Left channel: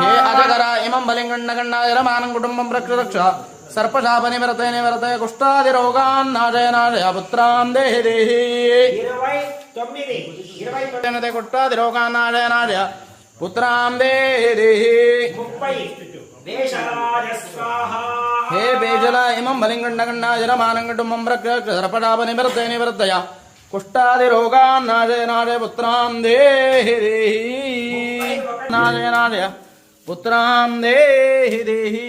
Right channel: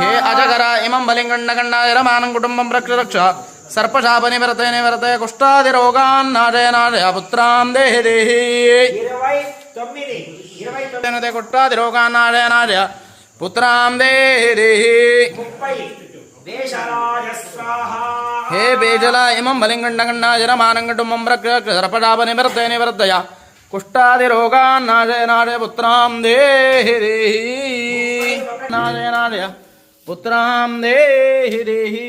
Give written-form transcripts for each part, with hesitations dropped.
हे अजगर इमं बलिंगण्डगण्डायरमानं कुटुम्बं रक्ष रक्ष सर्पशापनिवर्ते निवर्ते कुष्ठादिरोगान्नाशय पुत्रान् देहि देहि 29 कुष्ठादिरोगान्नाशय पुत्रान् देहि देहि हे बेजल इमं बलिंगण्डगण्डायरमानं कुटुम्बं रक्ष रक्ष सर्पशापनिवर्ते निवर्तय कुष्ठादिरोगान्नाशय पुत्रान् देहि देहि नाशय पुत्रान् देहि देहि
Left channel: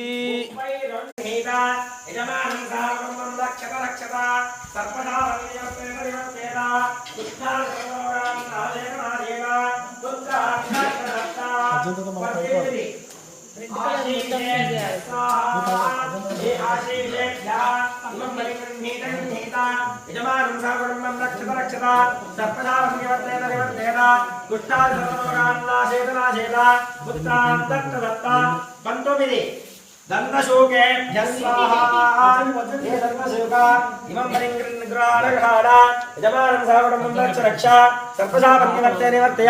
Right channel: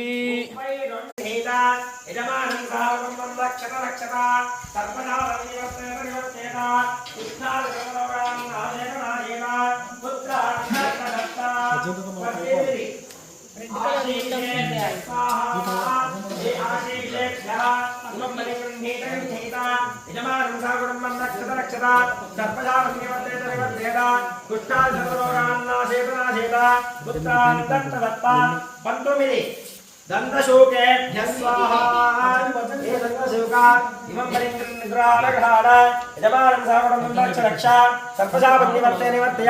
दंतशोकेभ्यः स्वाहा ये दंतशोका इमं बलिंगण्डगण्डायरमानं यजमानं सागरं रक्षा सर्पशापनिवर्ते निवर्तय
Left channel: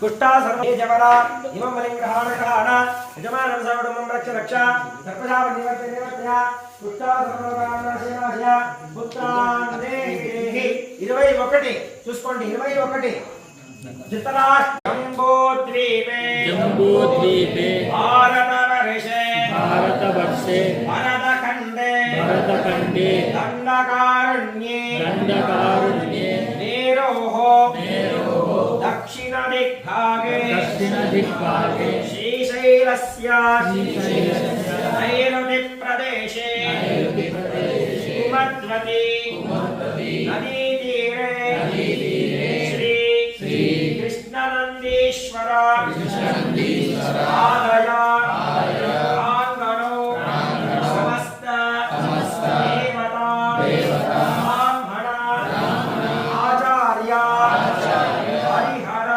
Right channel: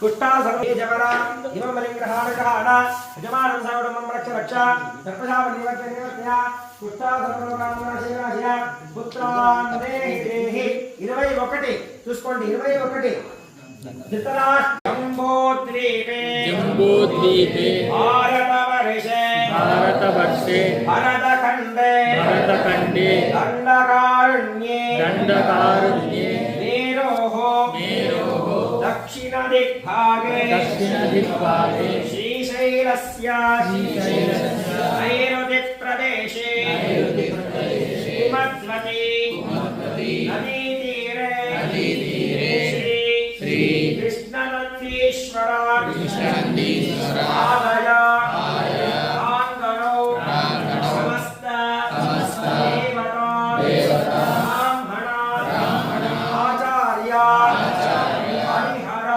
कुष्ठा सर्वे जवरा इमं बलिंगण्डगण्डायरमानं यजमानं सागरं रक्षा सर्पशापनिवर्ते निवर्तय कुष्ठा सर्वरोगान्नाशय पुत्रान् देहि देहि 21 చూసుకోండి 21 जम्बूद्वीपे भारतवर्षे भरतखण्डे दण्डकारण्ये मेरोः दक्षिणदिग्भागे श्रीशैलस्य नैऋतिप्रदेशे कुमद्वती नदीतीरे श्री कृष्णनन्दीश्वर आलय प्राङ्गणौ समस्त देवता ब्राह्मण आचार्य हरिहर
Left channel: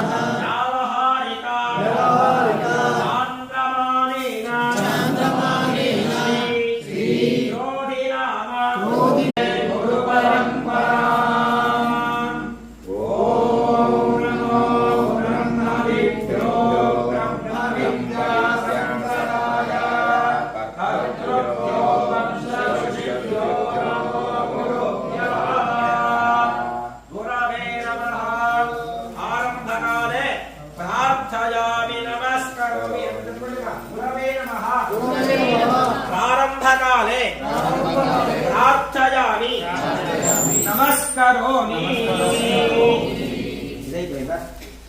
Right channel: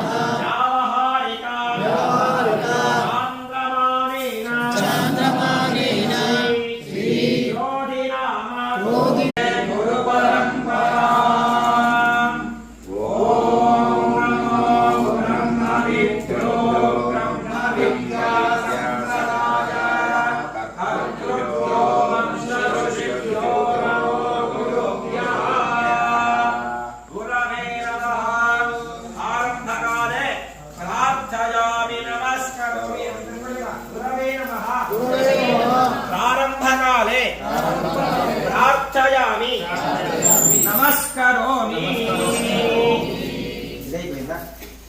चान्द्रमानेन श्री योधिराम प्रारंभकाले प्रार्थयामि नमस्करोमि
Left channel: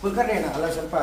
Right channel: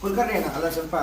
कुलकर्णेन अल्ल सर्प